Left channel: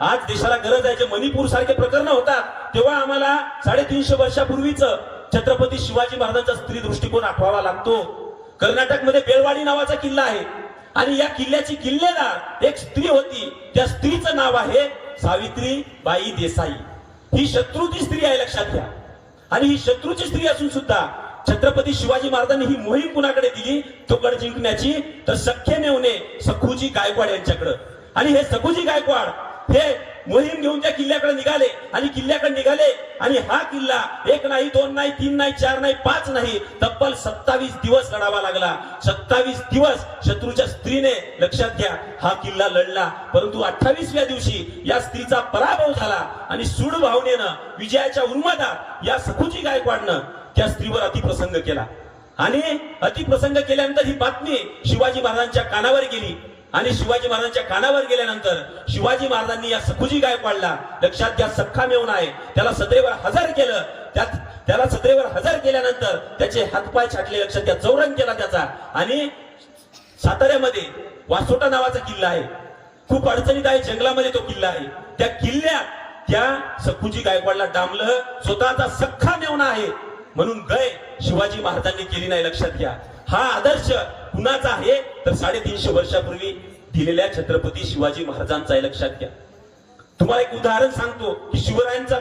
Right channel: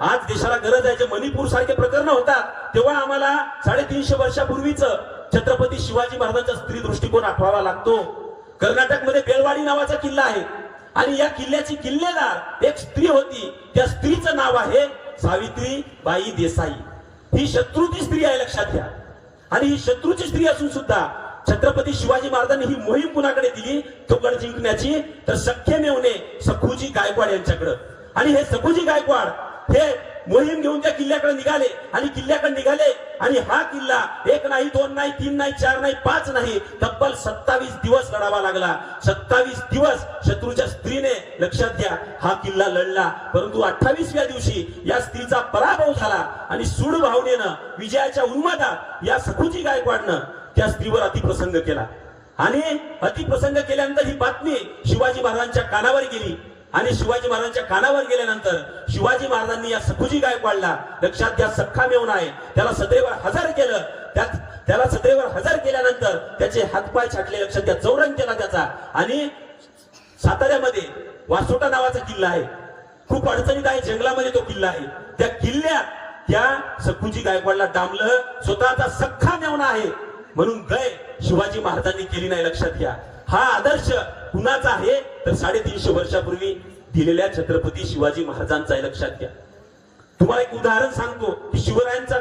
आज देशाला गरज आहे. जे मणिपूर सारखे प्रकरण होतात तेव्हा आम्हाला 350 वर्षापूर्वीच छत्रपती शिवाजी महाराजांचा स्त्री दृष्टिकोन आठवावा लागतो. कर्नाटकमध्ये बेळवाडी नावाचा किल्ला आहे आणि या किल्ल्याची किल्लेदार एक स्त्री होती. त्या स्त्रीचं नाव आहे सावित्रीबाई देसाई. ही शत्रूची स्त्री आहे, लक्षात घ्या. आणि ही शत्रूची स्त्री असून सुद्धा छत्रपती शिवाजी महाराजांनी ही मोहीम कुणाकडे दिली तो गड जिंकण्याची, तर सख्खे मेवणे सखूजी गायकवाड यांच्याकडे. आणि हे सखूजी गायकवाड हे मोहीम घेऊन त्या किल्ल्याकडे निघाले आणि किल्ल्याकडे निघाले आणि हा किल्ला 1 नाही 2 नाही 3 नाही 4 नाही 5 नाही तब्बल 27 दिवस लढावा लागला. 27 दिवस शत्रूच्या स्त्रीने, लक्षात घ्या, हा किल्ला लढला. परंतु 28व्या दिवशी या स्त्रीचा पराभव झाला आणि सूड भावनेनं, विजयाच्या उन्मादात या सखूजी गायकवाडनं त्या स्त्रीवर अतिप्रसंग केला. आणि अतिप्रसंग केल्यानंतर ही बातमी शिवाजी महाराजांच्या कानावर गेली. आणि शिवाजी महाराजांच्या कानावर गेल्यानंतर शिवाजी महाराजांनी या सखूजी गायकवाडला, लक्षात घ्या, सख्खा मेवणा आहे, त्याला सदैव हजर केलं. त्याला सदैव हजर केल्यानंतर त्याचे हातपाय छाटले, लक्षात घ्या, चौरंग केला त्याचा. आणि साताऱ्यामध्ये वासोटा नावाचा किल्ला आहे, खूप अडचणीत आहे, जंगलामध्ये तो किल्ला आहे. त्या किल्ल्यात त्या सखूजी गायकवाडला डांबलं. स्वतःचा सख्खा मेवणा आहे म्हणून गय शिवाजी महाराजांनी केली नाही, लक्षात घ्या. हा आदर्श कुणाचा आहे तर 350 वर्षापूर्वी दिलेल्या छत्रपती शिवाजी महाराजांचा आहे, लक्षात घ्या. तुम्हाला एक उदाहरण सांगतो की शिवरायांचा